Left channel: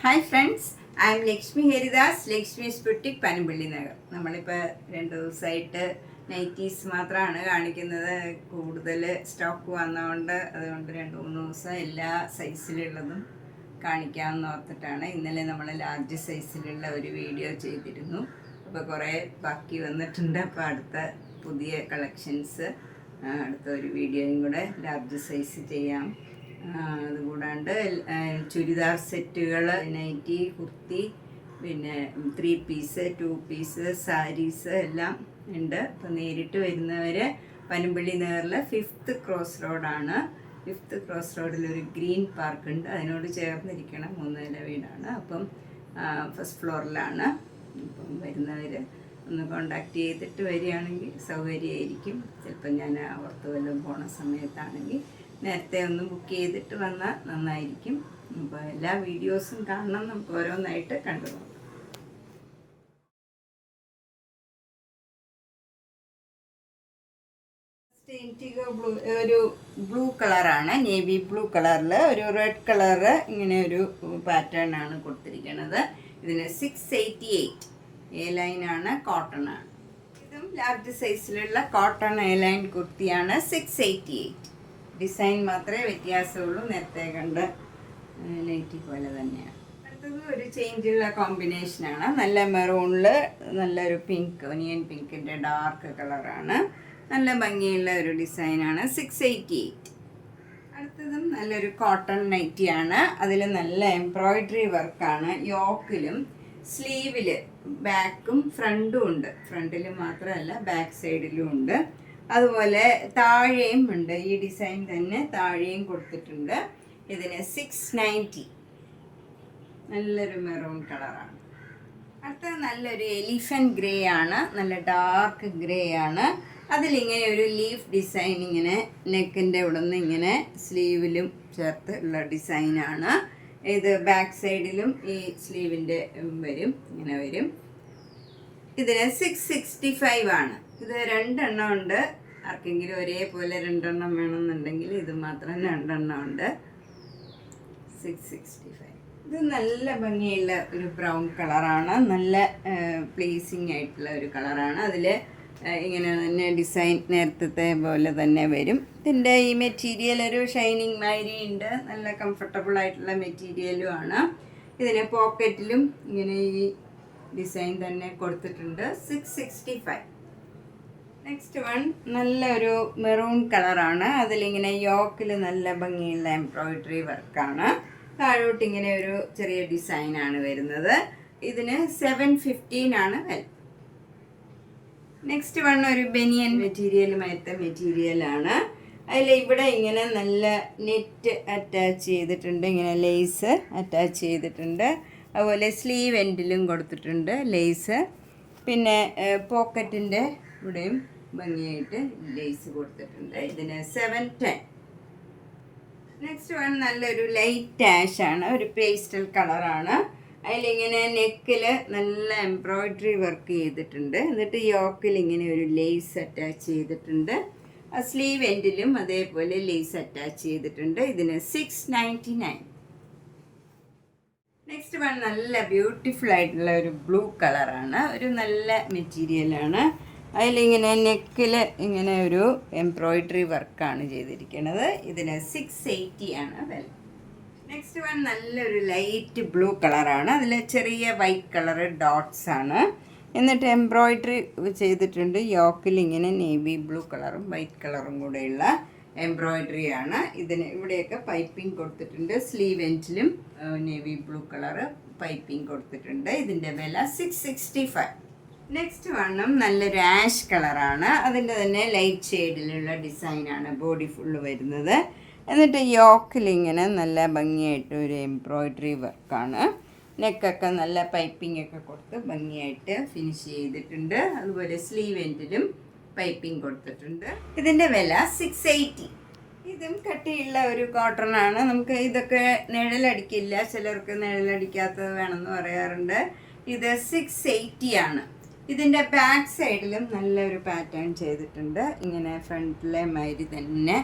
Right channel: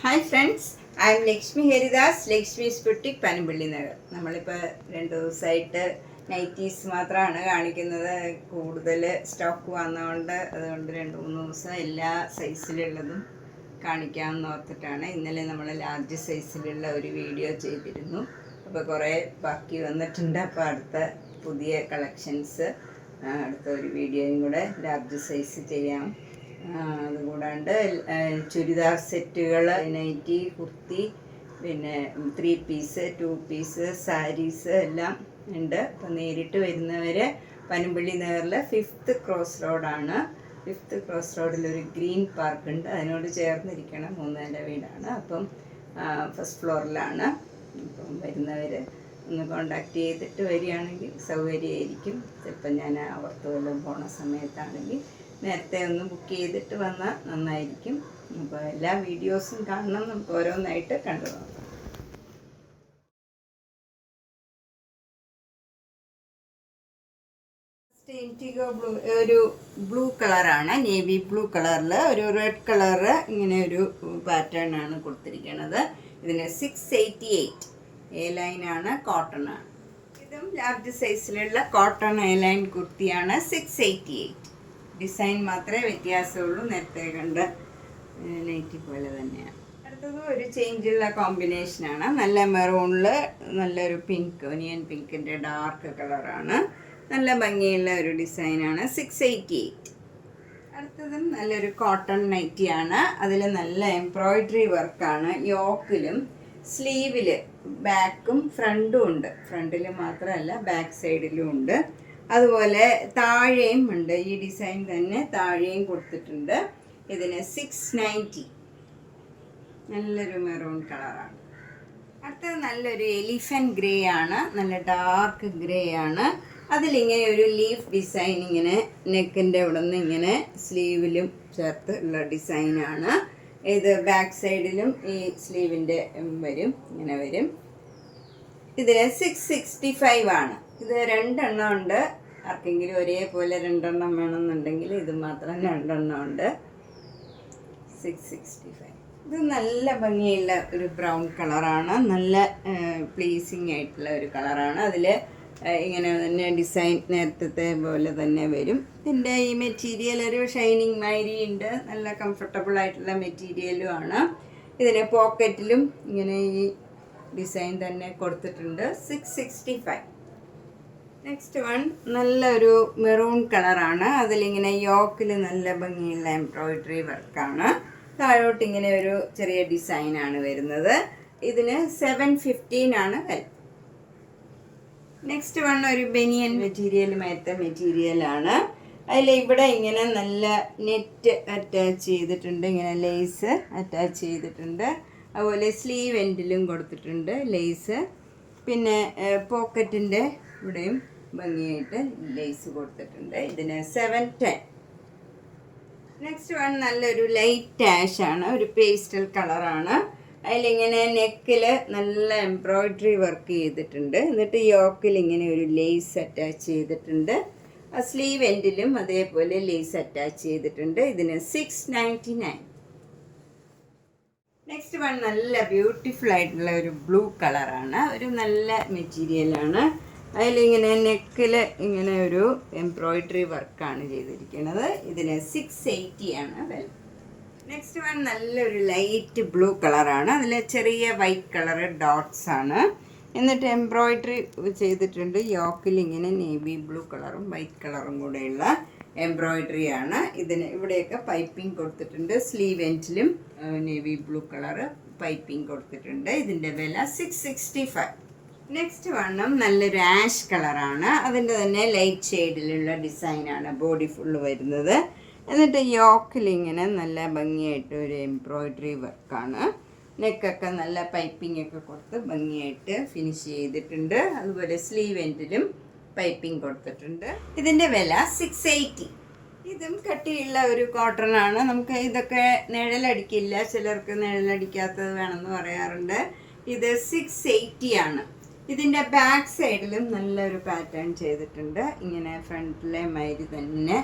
Hi friends, I M Lakshmi Haridas, Lakshmi's boutique Panampilly Nagar. നമ്മളിപ്പോൾ 2 ദിവസമായിട്ട് nighties മാത്രമാണ് കാണിക്കുന്നത്. കൂടുതൽ സ്റ്റോക്ക് വന്നതുകൊണ്ട് അതുകൊണ്ട് 2-3 ദിവസം എല്ലാ സൈസിലുള്ളതും കാണിക്കാമെന്ന് ഓർത്തിട്ടാണ്. ഇന്നലെ നമ്മൾ ലാർജ് സൈസിലുള്ള ഒരു വീഡിയോ ചെയ്തിരുന്നു. അപ്പോൾ കുറേ ബാക്കി വന്നിട്ടുണ്ട്. അപ്പോൾ അടുത്ത പുതിയ കളക്ഷൻസ് അടുത്ത ഒരു വീഡിയോയും കൂടെ ലാർജ് സൈസ് ചെയ്യാം. അതുകൂടാണ്ട് ചുരിദാർ സെറ്റുകൾ, നൈറ്റി, കുർത്തി, പിന്നെ 3 പീസ്, 2 പീസ്, സാരീസ് എല്ലാം ഉണ്ട്. അപ്പോൾ നേരിട്ട് വരുന്നവർ പനമ്പള്ളി നഗറിൽ 5th ക്രോസ് റോഡാണ്. 5th ക്രോസ് റോഡിലൊരു ഗ്രീൻ പാർക്ക് ഉണ്ട്, അതിനോട് ചേർന്നിരിക്കണം. 3 നില വീടാണ്. അപ്പം ഫസ്റ്റ് ഫ്ലോറിലാണ്. അപ്പം വരുന്നവർ ഒന്ന് കോണ്ടാക്ട് ചെയ്തിട്ട് വരികയാണെങ്കിൽ സൗകര്യമായിരിക്കും. ചിലപ്പോൾ ഞാൻ അവർക്ക് വല്ലതും പോണ സമയത്താണെങ്കിൽ നേരത്തെ ഒന്ന് ബുക്ക് ചെയ്തിട്ട് വന്നാൽ നന്നായിരിക്കും. അപ്പോൾ എല്ലാ വീഡിയോസും കാണണം, നമുക്ക് ഓരോന്നായിട്ട് കണ്ടു നോക്കാം. ഇൻഡിഗോ ബ്ലൂ, ഒരു ബ്ലൂ കളറാണ്, നേവി ബ്ലൂ കളറിൽ ഒരു റെഡ് കളറ്, ഇങ്ങനെ ഒരു പാറ്റേൺ ആണ് കൊടുത്തിരിക്കുന്നത്. ഇതിന് 688 എ ലൈനാണ്, കോട്ടൺ ആണ്. ഇതും ലാർജ് സൈസിലുള്ള കോട്ടൺ എ ലൈൻ കുർത്തിയാണ്. 688. ഡിസൈൻ മാത്രമേ വ്യത്യാസമുള്ളൂ, നേരത്തെ കണ്ട നൈറ്റി പോലെ തന്നെയാണ്. അടുത്തത് ഒരു ചേഞ്ചുള്ള കോമ്പിനേഷനാണ്. നല്ല മെറൂണിൽ നല്ലൊരു പിങ്ക്, ഒനിയൻ പിങ്കിൻ്റെ ഡാർക്ക് കളറാണ്. നല്ല ഭംഗിയുള്ള ഒരു ഡിസൈനാണ്. 688. അടുത്തതും നല്ലൊരു കോട്ടൺ നൈറ്റിയാണ്. അതിൽ നല്ല എംബ്രോയിഡറി വർക്കാണ്. യോക്കിലും സ്ലീവിൽ ബാക്കും ഫ്രണ്ടും ഉണ്ട്. ഫ്രണ്ടിൽ മാത്രമല്ല ബാക്ക് സൈഡിലും ഉണ്ട്. അതുപോലെ താഴെയും ഉണ്ട്. ഈ ഡിസൈൻ തന്നെ താഴെയും കൊടുത്തിട്ടുണ്ട്. ഇതിന് 690. നല്ലൊരു മെറൂൺ കളറാണ്. അടുത്തത് നല്ലൊരു എലിഫൻറ്റ് ഗ്രേ ആണ്, നല്ല ഡാർക്ക് ഗ്രേ ആണ്. അതിലിങ്ങനെ ഒരു ലീഫ് ഡിസൈൻ, ഇങ്ങനെ നെക്കിൻ്റെ അവിടെ നിന്ന് ഇങ്ങനെ സ്ലീവിലും ചേർത്ത് ഉള്ള ഡിസൈനാണ്. ഇത് ബാക്ക് സൈഡിലും ഈ സ്ലീവിൻ്റെ വരും, ഇങ്ങനെ വരും. ഇതിന് 665 ആണ്. ഇത് 2 എണ്ണം ഉണ്ട്. ആർക്കെങ്കിലും ഒരേപോലെ 2 എണ്ണം വേണമെന്നുണ്ടെങ്കിൽ ഇത് മാത്രം 2 എണ്ണം ഉണ്ട്. 665. ഇത് നല്ല ഭംഗിയുള്ള ഒരു ബ്രൗൺ കളറാണ്. നല്ല പ്ലീസിങ് ആയിട്ടുള്ള ഒരു കളറാണ്. അതിൽ ഇങ്ങനെ തന്നെ ഡിസൈൻ നേരത്തെ പോലെ തന്നെ വരും. ഇതിൻ്റെ ഈ മെറ്റീരിയൽ ഒരു ഷൈനിങ് മാതിരി ഉണ്ട്. നല്ല കംഫർട്ടബിൾ ആയിട്ടുള്ള മെറ്റീരിയലും ആണ്. ഇതിന് പോക്കറ്റിലും ഇങ്ങനെ ഈ ഡിസൈൻ തന്നെ കൊടുത്തിട്ടുണ്ട്. 665. നെക്സ്റ്റ് വൺ നല്ലൊരു മെറൂൺ കളറാണ്. അതിലിങ്ങനെ യോക്കിൽ നല്ല ഭംഗിയുള്ള എംബ്രോയിഡറി വർക്കാണ്. താഴോട്ട് ഇങ്ങനെ ഒരു ചെറിയ ഡിസൈനാണ് വരുന്നത്. ഇതിന് 715 ആണ് വില. നെക്സ്റ്റ് വൺ ഒരു ബനിയൻ മെറ്റീരിയലുമായിട്ട് മെറ്റീരിയലാണ്. അതിൽ ഇവിടെ ഇങ്ങനെ നല്ല നെറ്റ് അറ്റാച്ച് ചെയ്തിട്ടുണ്ട്, ഇങ്ങനെ ലേസ് അറ്റാച്ച് ചെയ്തിട്ടുണ്ട്. അതുപോലെ സ്ലീവ് എൻഡിലും കൊടുത്തിട്ടുണ്ട് ലേസ്. പിന്നെ പോക്കറ്റിൻ്റെ ഇവിടെയും ഭംഗിയായിട്ട് ലേസ് കൊടുത്തിട്ടുണ്ട്. ഇതിന് 710. നെക്സ്റ്റ് വൺ നല്ലൊരു ലൈറ്റ് ആഷ് ആണ്, ഒരു പേസ്റ്റൽ കളറാണ്. അതിലിങ്ങനെ നെക്കിൽ നല്ല എംബ്രോയിഡറി വർക്ക് ചെയ്തിട്ടുണ്ട്. എന്നിട്ട് യോക്കിൽ ഇങ്ങനെ ഒരു ലേസ് അറ്റാച്ച് ചെയ്തിട്ടുണ്ട്. ആ സ്ലീവ് എൻഡിലും അതേപോലെ ലേസ് അറ്റാച്ച് ചെയ്തിട്ടുണ്ട്. ഇതിന് 699. നെക്സ്റ്റ് വൺ നല്ല ബ്യൂട്ടിഫുൾ ആയിട്ടുള്ള ഒരു ബ്ലൂ കളറാണ്, ഒരു നല്ല മെറ്റീരിയലാണ്. അതിലിങ്ങനെ നെക്കിൽ ഇങ്ങനെ ഒരു എംബ്രോയിഡറി വർക്കാണ് ചെയ്തിരിക്കുന്നത്. ഇതിന് 680 ആണ് വില. നെക്സ്റ്റ് വൺ നല്ലൊരു ലൈറ്റ് ബ്ലൂ കളറാണ്. അതിൽ ചെറിയ വൈറ്റ് കളറ് ഡോട്ട്സ് ആണ്. എന്നിട്ട് എംബ്രോയിഡറി ചെയ്തിട്ടുണ്ട്. യോക്കിൽ ഇങ്ങനെ നേവി ബ്ലൂ കളറും വൈറ്റ് കളറും കൂടെയുള്ള എംബ്രോയിഡറി ആണ്. ഇതിന് ഇവിടെയൊക്കെ പൈപ്പിംഗ് കൊടുത്തിട്ടുണ്ട്. സ്ലീവ് എൻഡിലും നേവി ബ്ലൂ കളറ് പൈപ്പിംഗ് കൊടുത്തിട്ടുണ്ട്. ഇതിൻ്റെ വില 665. നെക്സ്റ്റ് വണ്ണം നല്ലൊരു ആഷ് കളറാണ്. അതിൻ്റെ തന്നെ ലൈറ്റ് ഷെയ്ഡിലുള്ള ഡിസൈനാണ് ബോഡി ഫുള്ള് വരുന്നത്. എന്നിട്ട് യോക്കിൽ ഇങ്ങനെ നല്ല ഭംഗിയായിട്ട് ഒരു എംബ്രോയിഡറി വർക്കാണ്. നെക്കൊക്കെ നല്ല പൈപ്പിംഗ് ഒക്കെ കൊടുത്ത് ഭംഗിയായിട്ട് ഫിനിഷ് ചെയ്തിട്ടുണ്ട്. അതുപോലെ സ്ലീവ് എൻഡിലും പൈപ്പിംഗ് കൊടുത്തിട്ടുണ്ട്. ഇതിൻ്റെ വില 680. ഇതും കട്ടിയുള്ള ഒരു കോട്ടൺ ആണ്. നമുക്ക് ഇതൊക്കെ നിഴലടിക്കില്ല, ചിലർക്ക് നിഴലടിക്കാത്തത് വേണമെന്ന് പറയാറുണ്ട്. ഇത് 680 ആണ്. ഇതിൻ്റെ ബാക്ക് സൈഡിലും നല്ലൊരു പാറ്റേൺ ചെയ്തിട്ടുണ്ട്. ഇങ്ങനെ ഫ്രണ്ടിലെ മാതിരി തന്നെ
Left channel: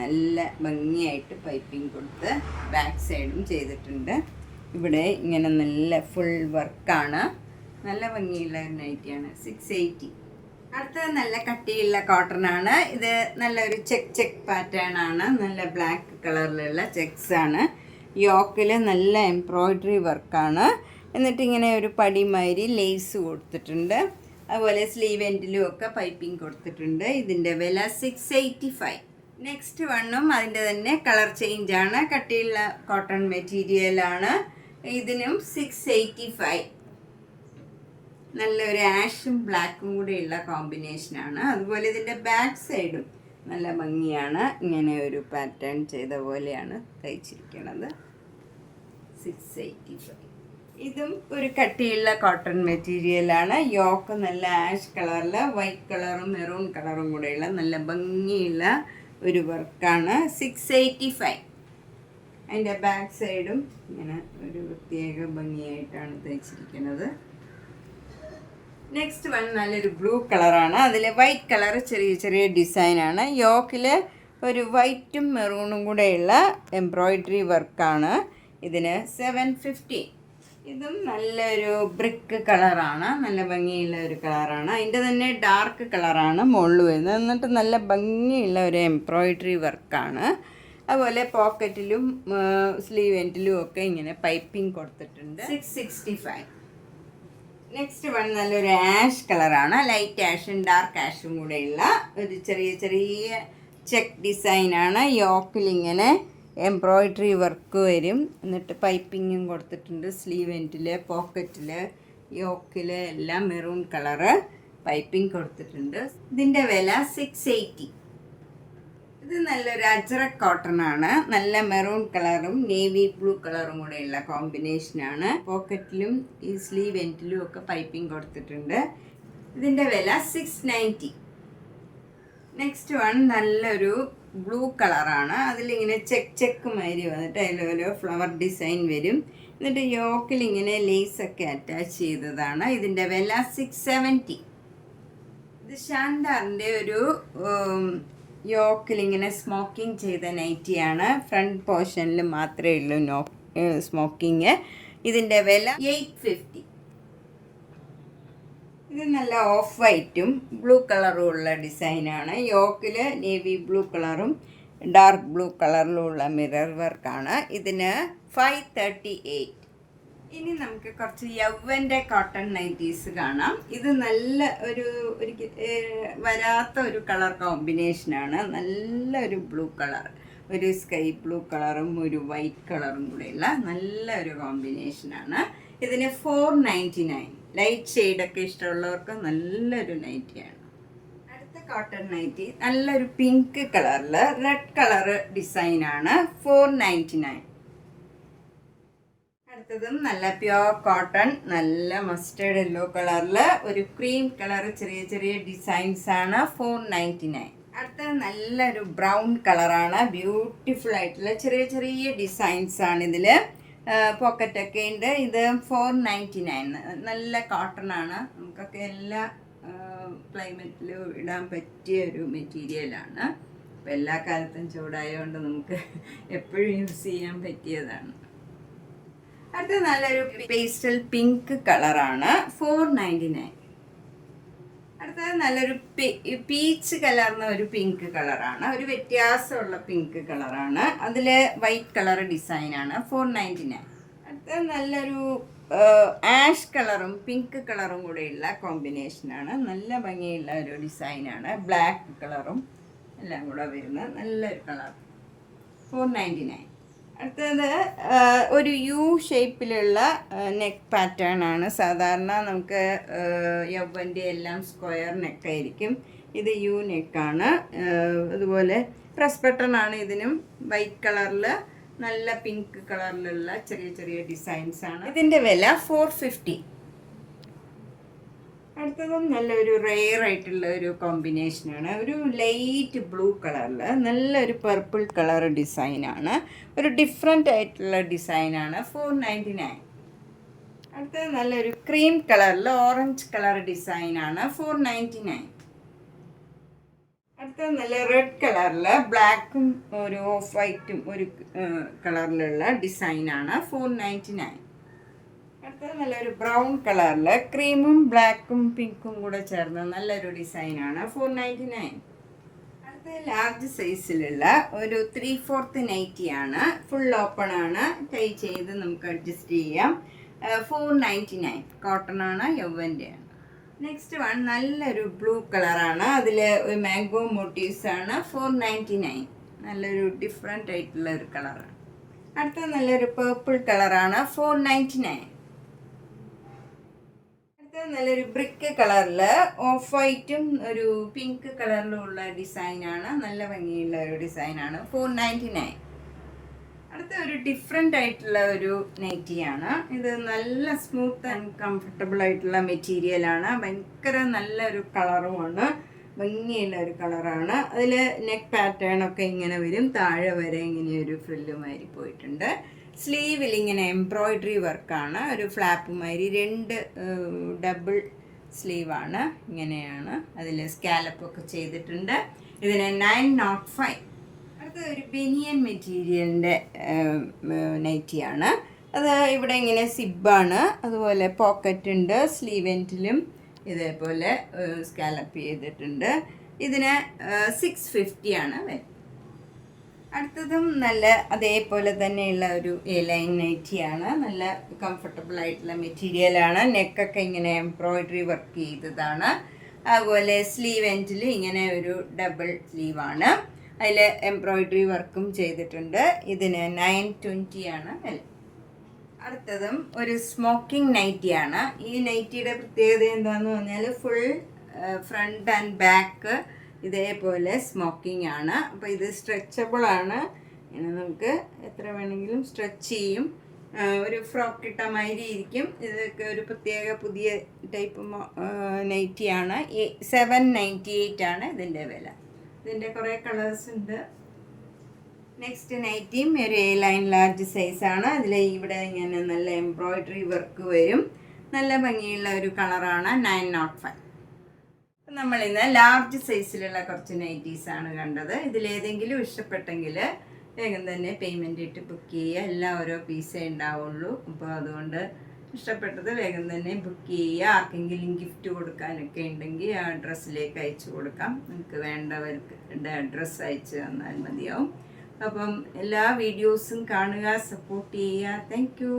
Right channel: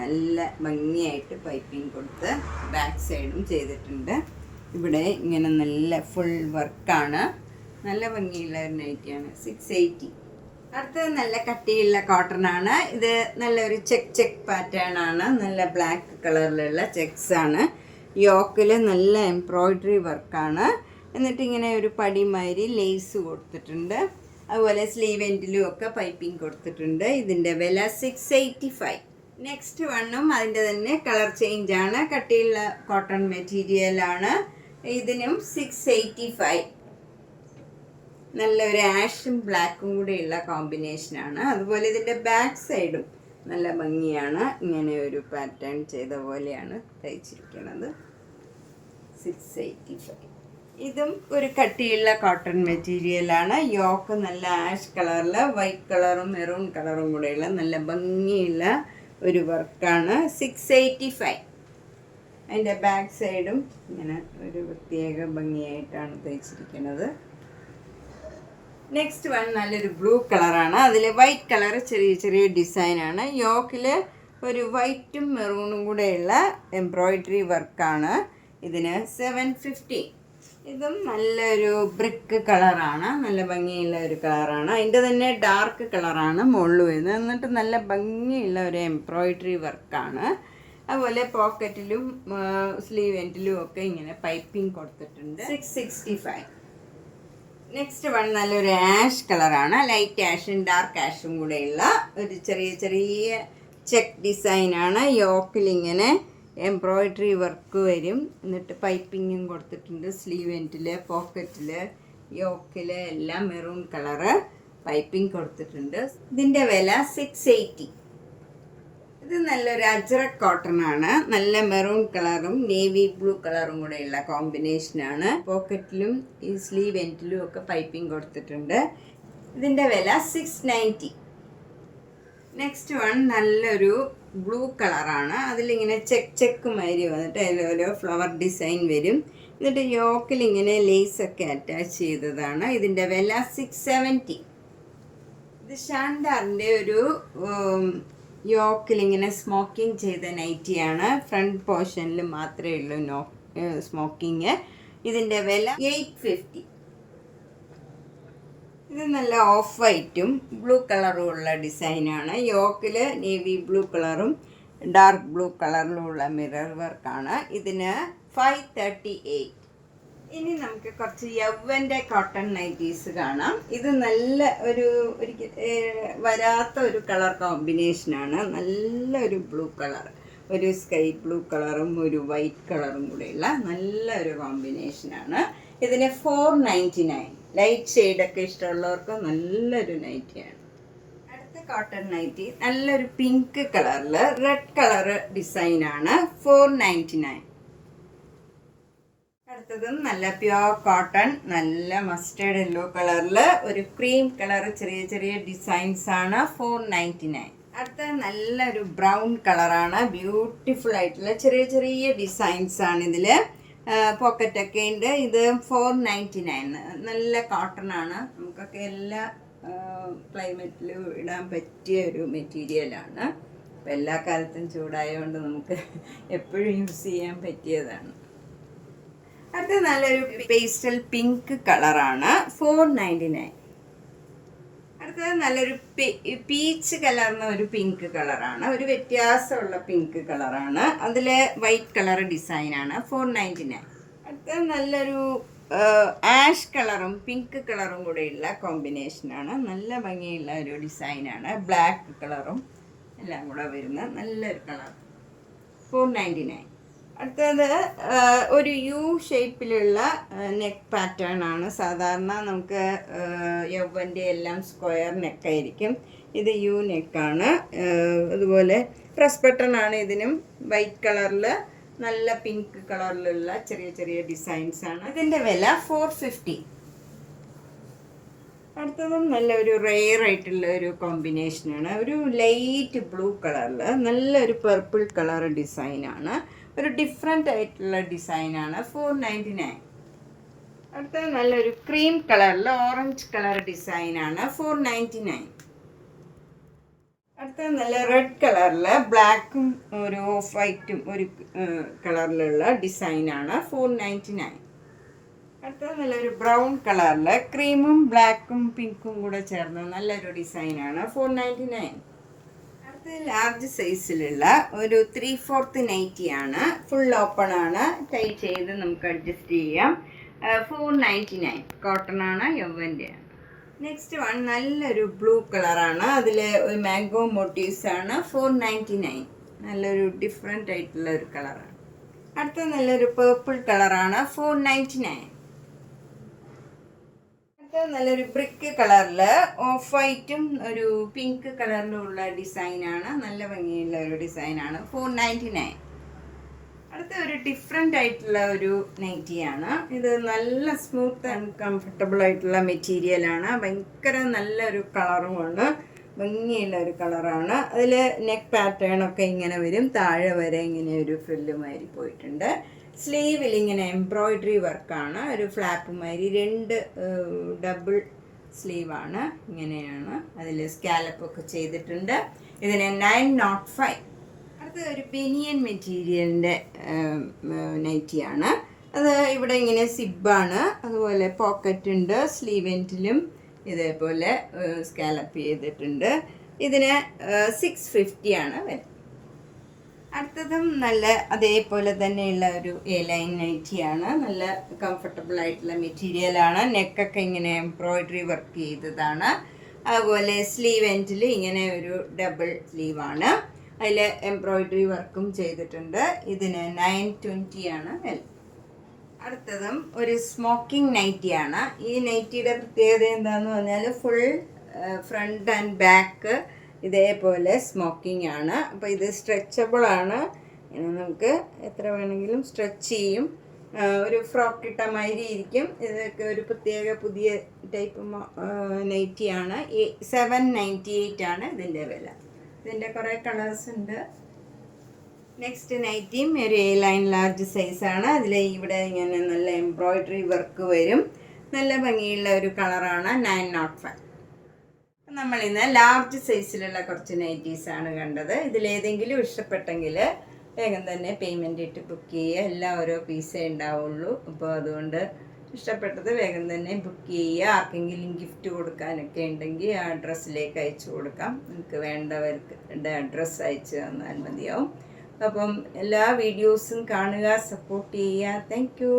നല്ല ഭംഗിയായിട്ട് പൈപ്പിംഗ് കൊടുത്ത് ബാക്ക് സൈഡും ചെയ്തിട്ടുണ്ട്. ഇവിടെ ഇങ്ങനെ നല്ല ഫുൾ വർക്കാണ്, നല്ല ഭംഗിയുള്ള ഒരു നൈറ്റിയാണ്. 680. അടുത്തത് നല്ല കട്ടിയുള്ള കോട്ടൺ ആണ്. ഇത് നല്ലൊരു ചെക്ക് പാറ്റേൺ ആണ്, നല്ല ബ്ലാക്ക് കളറിലുള്ള ചെക്സ് ആണ്. യോക്കിൽ നല്ല എംബ്രോയിഡറി വർക്കാണ്. എന്നിട്ട് ഇങ്ങനെ ഒരു പടിമാതിരി ലേസ് കൊടുത്തിട്ടുണ്ട്. അതുപോലെ സ്ലീവ് എൻഡിലും ഒക്കെ പൈപ്പിംഗ് കൊടുത്തിട്ടുണ്ട്. ഇതിൻ്റെ വില 685. നെക്സ്റ്റ് വണ്ണും അതിൻ്റെ തന്നെ കളർ ചേഞ്ച് ആണ്, കട്ടിയുള്ള കോട്ടൺ മെറ്റീരിയലാണ്. ഇതിനും 685. നല്ലൊരു ആഷും ബ്ലാക്കും കൂടെയുള്ള കോമ്പിനേഷനാണ്. അതുപോലെ ഇതിൻ്റെ ബാക്ക് സൈഡും നല്ല ഭംഗിയാണ്, ഇങ്ങനെ ഒരു പാറ്റേൺ ചെയ്ത പോലെയാണ് തയ്ച്ചിരിക്കുന്നത്. 685. ഇതും ഒരു കട്ടിയുള്ള കോട്ടൺ മെറ്റീരിയലാണ്. യോക്ക് നല്ല ആഷ് കളറിൽ വൈറ്റ് കളറും മെറൂൺ കളറും കൂടെയുള്ള നല്ല ഭംഗിയുള്ള ഒരു വർക്കാണ്. 685. അതിൻ്റെ ബാക്ക് സൈഡും ഇങ്ങനെ ഒരു പ്രത്യേക ഭംഗിയായിട്ടാണ് തയ്ച്ചിരിക്കുന്നത്. നെക്സ്റ്റ് വൺ നല്ലൊരു ബ്ലൂ കളറാണ്. അതിൽ വൈറ്റ് കളർ ചെറിയ ചെറിയ ഡിസൈനാണ്. യോക്കിൽ ഒരു വൈറ്റും മെറൂണും കൂടെയുള്ള എംബ്രോയിഡറി വർക്കാണ്. ഇതിന് 750. ഇതും നല്ലൊരു ബ്രിക്ക് കളറാണ്, നല്ല ഭംഗിയുള്ള ഒരു കളറാണ്. അതിൻ്റെ തന്നെ ഡാർക്ക് കളറാണ് മുകളിൽ വരുന്നത്. എന്നിട്ട് നല്ല ഭംഗിയുള്ള ഒരു എംബ്രോയിഡറി വർക്കാണ്. അതുപോലെ പോക്കറ്റിലും സ്ലീവ് എൻഡിലും ഒക്കെ ഇങ്ങനെ പൈപ്പിംഗ് കൊടുത്തിട്ടുണ്ട്. 665. നെക്സ്റ്റ് വൺ നല്ലൊരു ആഷ് കളറാണ്. ലൈറ്റ് ആഷും ഡാർക്ക് ആഷും കൂടെയുള്ള ഒരു ചെറിയ ചെറിയ ചെക്ക് ഡിസൈനാണ്. യോക്കിൽ ഇങ്ങനെ എംബ്രോയിഡറി വർക്ക് വരും. എന്നിട്ട് പൈപ്പിങ്ങും കൊടുത്തിട്ടുണ്ട്. സ്ലീവ് എൻഡിൽ, പോക്കറ്റിൽ, യോക്കിൽ എല്ലാം മെറൂൺ കളറ് പൈപ്പിംഗ് കൊടുത്തിട്ടുണ്ട്. ഇതിൻ്റെ വില 680. ഇത് നല്ലൊരു അജ്രക് കോട്ടൺ ആണ്. നല്ല മെറൂൺ കളറും നേവി ബ്ലൂ കളറും കൂടെയുള്ള കോമ്പിനേഷനാണ്. പോക്കറ്റിലും ഈ സ്ലീവ് എൻഡിലും ഒക്കെ പൈപ്പിംഗ് കൊടുത്തിട്ടുണ്ട്. ഇതിൻ്റെ വില 690. നെക്സ്റ്റ് വൺ നല്ലൊരു ബ്ലൂ കളറാണ്. അതിലിങ്ങനെ ചെക്ക് മാതിരി വന്നിട്ട് അതിൽ ഫ്ലവർ ഡിസൈൻ വരും. എന്നിട്ട് യോക്കിൽ ഇങ്ങനെ ലേസൊക്കെ അറ്റാച്ച് ചെയ്തതാണ്. ഇതിൻ്റെ വില 670. ഇത് ഷാൻഡാറിൻ്റെ ഒരു യോക്കിൽ ഇങ്ങനെ സ്മോക്കിംഗ് ചെയ്ത നൈറ്റിയാണ്. ഫ്രണ്ട് പോർഷനിൽ മാത്രമേ ഉള്ളൂ സ്മോക്കിങ്. ഇതിൻ്റെ വില 850. ഇത് നല്ല ഓഫ് വൈറ്റും ബ്ലൂ കളറും ഉള്ള ഡിസൈനാണ്. യോക്കിൽ നേവി ബ്ലൂ കളറും ഡാർക്ക് ബ്ലൂ കളറിലുള്ള മിറർ വർക്കാണ്. ഇതിന് 538. ഇനി നമുക്ക് കുറച്ച് യൗവൻ്റെ കോട്ടൺ നൈറ്റീസ് കാണാം. ഇത് നല്ല ഒരു വരാത്ത ഒരു കളർ കോമ്പിനേഷനാണ്. നല്ലൊരു ബ്ലൂ കളർ, ഒരു സ്കൈ ബ്ലൂ കളറും ഒരു വൈറ്റ് കളറും കൂടെയുള്ള നല്ലൊരു കോമ്പിനേഷനാണ്. ഇതിന് 499. ലൈറ്റ് ഷെയ്ഡൊക്കെ ഇഷ്ടമുള്ളവർക്ക് നല്ലൊരു നൈറ്റിയാണ്. അടുത്ത കോട്ടൺ നൈറ്റി നല്ലൊരു പിങ്ക് കളറിൽ റെഡ് കളർ ഡിസൈനാണ്. 499. അടുത്തതും നല്ല പ്യോർ കോട്ടൺ, നല്ല മസ്റ്റേർഡ് യെല്ലോ കളറിൽ ഒരു ക്രീം കളർ ചെറിയ ചെറിയ ഡിസൈൻസ് ആണ്. 499. അടുത്ത നല്ലൊരു ബ്രൗൺ കളറാണ്. ബ്യൂട്ടിഫുൾ ആയിട്ടുള്ള ചെറിയ ചെറിയ ഡിസൈൻസ് ആണ് ഇതിൽ. പോക്കറ്റൊക്കെ ഉണ്ട്. ഇത് 499. നല്ല കോട്ടൺ ആണ്. നമുക്കൊക്കെ എല്ലാ ക്ലൈമറ്റിലും ഇടാൻ പറ്റിയ ഒരു മെറ്റീരിയലാണ്. അപ്പോൾ എല്ലാ കാലത്തും ചൂടായതുകൊണ്ട് നമുക്ക് എപ്പോഴും യൂസ് ചെയ്യാൻ പറ്റിയതാണ്. അടുത്ത നല്ലൊരു പേസ്റ്റൽ പിങ്ക് കളറാണ്. 499. അടുത്തത് നല്ലൊരു പീച്ച് കലർന്ന ഒരു പിങ്ക് കളറാണ്. ഒരു വ്യത്യാസമുള്ള പിങ്ക് കളറാണ്. അതിൽ വൈറ്റ് കളർ ഡിസൈനാണ്. 499. അടുത്തത് നല്ലൊരു ആഷ് കളറും പിങ്ക് കളറും കൂടെയുള്ള കോമ്പിനേഷനാണ്. നല്ല ഭംഗിയുള്ള ഒരു ഡിസൈനാണ്. ബ്ലാക്ക് കളറും എല്ലാം കൂടെ വരുന്ന നല്ലൊരു കളർ. 499. അടുത്തത് ഒരു യു ഷേപ്പിലുള്ള നെക്ക് പാറ്റേൺ ആണ്. സാധാരണ നമുക്ക് യൗവൻ്റെ എല്ലാം സ്ക്വയർ നെക്കായിരിക്കും. ഇത് യു നെക്കാണ്. അതുപോലെ പ്രസ് ബട്ടൺ ആണ്. ഇതിനും വൈറ്റ് കളറിൽ നല്ല പിങ്ക് കളറിലുള്ള ചെറിയ ചെറിയ ഡിസൈൻസ് ആണ്. ഇതിൻ്റെ വില 450. അടുത്തതും നല്ലൊരു റെയർ ആയിട്ടുള്ള ഒരു കോമ്പിനേഷനാണ്. ഒരു ലൈറ്റ് ബ്ലൂ കളറിൽ നല്ലൊരു പർപ്പിൾ കളർ ഡിസൈനാണ്. ഒരു ഡിഫറെൻ്റ് ആയിട്ടുള്ള ഡിസൈനാണ്. 499. അടുത്തത് നല്ലൊരു ക്രീം കളറിൽ ഓറഞ്ച് കളർ ഡിസൈനാണ്. 499. അടുത്തത് നല്ല റെഡ് കളറിൽ ബ്ലാക്കും ഒരു ഓഫ് വൈറ്റും ഒരു കളറിലുള്ള ഡിസൈനാണ്. 499. അടുത്തത് നല്ലൊരു ബ്രൗൺ കളറിൽ ക്രീമും ബ്ലാക്കും പിങ്കും കൂടെ ചേർന്ന നല്ലൊരു ഡിസൈനാണ് 499. അടുത്തത് ലാർജ് സൈസിലുള്ള ഒരു 3/4 നൈറ്റിയാണ്. ഫുൾ ഓപ്പൺ ആണ്, ടൈ ചെയ്ത് നമുക്ക് അഡ്ജസ്റ്റ് ചെയ്യാം. 499 കോട്ടൺ ആണ്, യവ്വൻ്റെയാണ്. നെക്സ്റ്റ് വൺ നല്ലൊരു ബ്ലൂ കളറാണ്, അതിൽ മാംഗോ മോട്ടീവ്സ് ആണ്. 499 നല്ലൊരു ഡിഫറെൻ്റ് ആയിട്ടുള്ള ഒരു കളറാണ്. അടുത്ത നല്ലൊരു പേർപ്പിൾ കളറാണ്, 499. അടുത്ത നല്ലൊരു ബ്രിക്ക് കളറിൽ ഓഫ് വൈറ്റും ഒരു പിങ്ക് കളറിലും ഉള്ള ഡിസൈനാണ്. നല്ല ഭംഗിയുള്ള ഒരു ഡിസൈനാണ്, 499. അടുത്ത ഒരു ഡിഫറെൻ്റ് ആയിട്ടുള്ള ഒരു നൈറ്റിയാണ്. ഇത് നല്ല സ്മൂത്ത് ആൻഡ് കംഫർട്ടബിൾ ആയിട്ടുള്ള മെറ്റീരിയലാണ്. ഭയങ്കര നല്ലൊരു കളറുമാണ്, ഭംഗിയുള്ള ഒരു കളറാണ്. അതിൽ നെക്ക് പാറ്റേൺ ഒക്കെ ഇങ്ങനെ വരും, താഴെ വരെ ഇങ്ങനെ ഒരു ഫ്രില്ലുമാതിരി പോയിട്ടുണ്ട്. സ്ലീവിൽ ഇങ്ങനെ എംബ്രോയിഡറി വർക്കാണ്, ഒരു ഫ്ലാപ്പുമാതിരി 2 ഡബിൾ സ്ലീവാണ്. ഇങ്ങനെയാണ്, അതിൽ സ്കാലപ്പൊക്കെ ചെയ്തിട്ടുണ്ട്. ഇതിന് 905. അടുത്ത ഒരു ബനിയൻ മെറ്റീരിയലിൻ്റെ നൈറ്റിയാണ്. അത് ഇവിടെ ഇങ്ങനെ സിബാണ്, അതുപോലെ പോക്കറ്റ് ഉണ്ട്, സ്ലീവ് എൻഡിലും ഇതേപോലെ സ്കാലപ്പ് ചെയ്തിട്ടുണ്ട്. ഇതിന് 650 ആണ് വില. അടുത്തതും നല്ല അതേപോലെ തന്നെയുള്ള ഒരു ലൈൻ നൈറ്റിയാണ്. നല്ല കംഫർട്ടബിൾ ആയിട്ടുള്ള മെറ്റീരിയലാണ്. നെക്കൊക്കെ ഇങ്ങനെ എംബ്രോയിഡറി വർക്ക് ചെയ്തതാണ്. അതുപോലെ സ്ലീവ് എൻഡിൽ ഇങ്ങനെ ഒരു ഡബിൾ സ്ലീവാണ്, അതിൽ എംബ്രോയിഡറി വർക്കും ചെയ്തിട്ടുണ്ട്. ഇതിന് 920 ആണ് വില. അടുത്തതും ഒരു സ്മോക്കിംഗ് നൈറ്റിയാണ്. ഈ നൈറ്റിയുടെ പ്രത്യേകത എന്താണെന്ന് പറഞ്ഞാൽ ഫുൾ ഫ്രണ്ട് ആൻഡ് ബാക്ക് ഇതേപോലെ സ്മോക്കിംഗ് ആണ്. അപ്പോൾ ഇത് സ്ട്രെച്ചബിൾ ആണ്, നമുക്ക് എത്ര വേണമെങ്കിലും സ്ട്രെച്ച് ചെയ്യും. ഒരു ഫ്രോക്ക് ഇട്ട മാതിരി ഇരിക്കും. ഇതൊക്കെ ഒരു പ്രത്യേക പുതിയ ടൈപ്പ് നൈറ്റിയാണ്. 798 ആണ് ഇതിൻ്റെ വില. ഇതിൻ്റെ കുറേ കളേഴ്സ് ഉണ്ട്. നെക്സ്റ്റ് നൈറ്റിയും ഒരു ലൈൻ ലാർജ് സൈസാണ്. അതിൽ ഇവിടെ ഇങ്ങനെ നല്ല എംബ്രോയിഡറി വർക്ക് വരും. നല്ല ഭംഗിയുള്ള ഒരു കളറാണ്, 905. നമ്മളിന്ന് ലാർജ് സൈസിലുള്ള കുറച്ച് നൈറ്റീസാണ് കണ്ടത്. ഇതിലേതെങ്കിലും ഇഷ്ടപ്പെട്ടെങ്കിൽ വേഗം തന്നെ പേയ്മെൻറ്റ് ഇട്ട് ബുക്ക് ചെയ്യുക. എല്ലാം ഓരോ പീസേ ഉണ്ടാവുള്ളൂ. അപ്പോൾ അതുകൊണ്ട് ഇഷ്ടപ്പെട്ടത് വേഗം തന്നെ ബുക്ക് ചെയ്യുക. ആർക്കെങ്കിലും ഗിഫ്റ്റ് കൊടുക്കാനൊക്കെ ഉണ്ടെങ്കിൽ ആ അഡ്രസ്സിലേക്ക് അയച്ചു കൊടുക്കാം. നമുക്ക് വേണ്ടവർക്ക് അഡ്രസ്സ് അയച്ചു തന്നാൽ മതിയാവും. അപ്പം എല്ലാ വീഡിയോസും കാണുക, സപ്പോർട്ട് ചെയ്യുക. Thank you.